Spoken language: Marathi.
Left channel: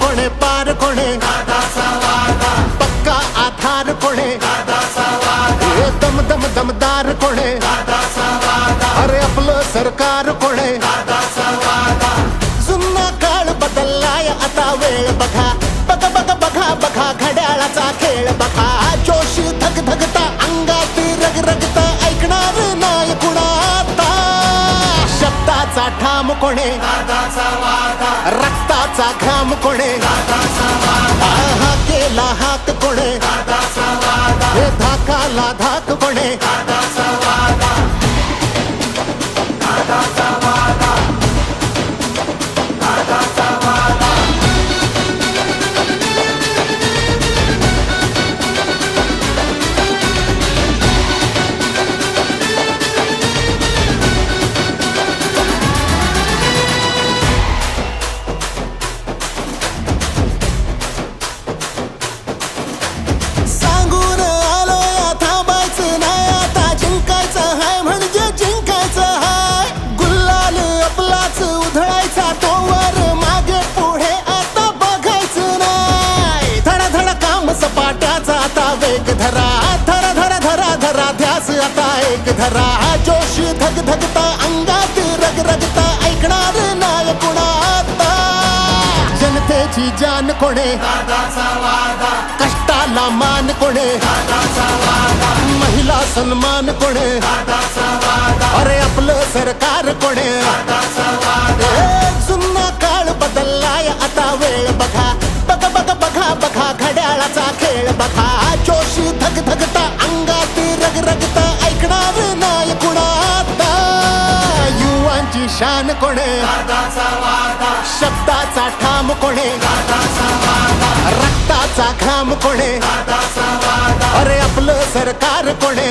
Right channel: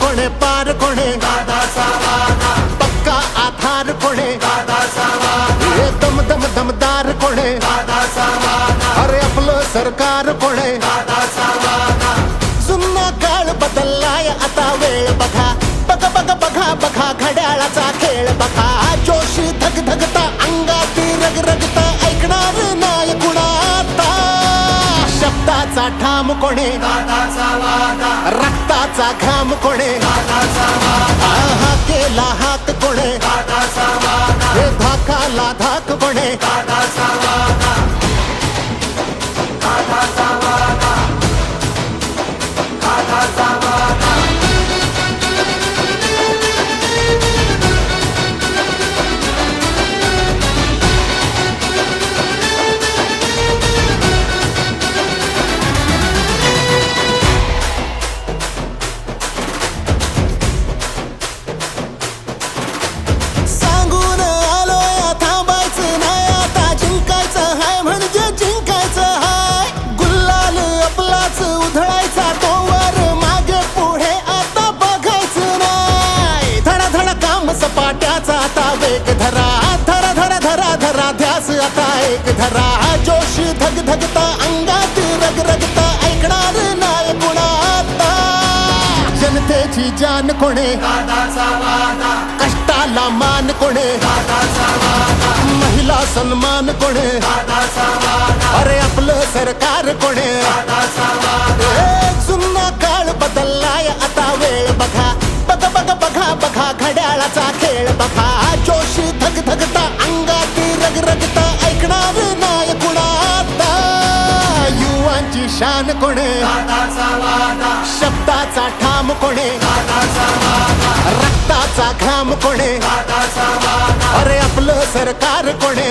कोणे? पार कोणे? पक्का आधार कोणे? हे दम दम दमदार कोणे? अरे आपलं सरकार कोणे? जुन्ना काळ बदललाय आता वेळ बघा. बघा बघा बघा बघा घड्याळाचा खेळ बघा. जोशी धग धगता अंगात रग शब्दाचा ठाम कोणे? रक्ताचा घाम कोणे? आहा केला हाक कोणे? हे धाकाला धाक कोणे? उधळायचा तोवर मागे पुढे आता बघायचं नाही. धडा धडा काम सपाट्याचा आता वेग धरा. धरा धरा धरा धरा ध्यास आता एक धरा. जोश धग धगता अंगात रग रगता ऐकणार नाही कुणाता. जनतेची जान कोणे? कष्टाला मान कोणे? महिला सन्मान कोणे? अरे आपलं सरकार कोणे? ए, जुना काळ बदललाय आता वेळ बघा. बघ बघ बघा बघा घड्याळाचा खेळ बघा. जोशी धग धगता अंगात रग रगता ऐकणार नाय कुणाता? युवांची शान कोणे? शब्दाचा ठाम कोणे? आपला घाम कोणे? अरे आपलं सरकार कोणे?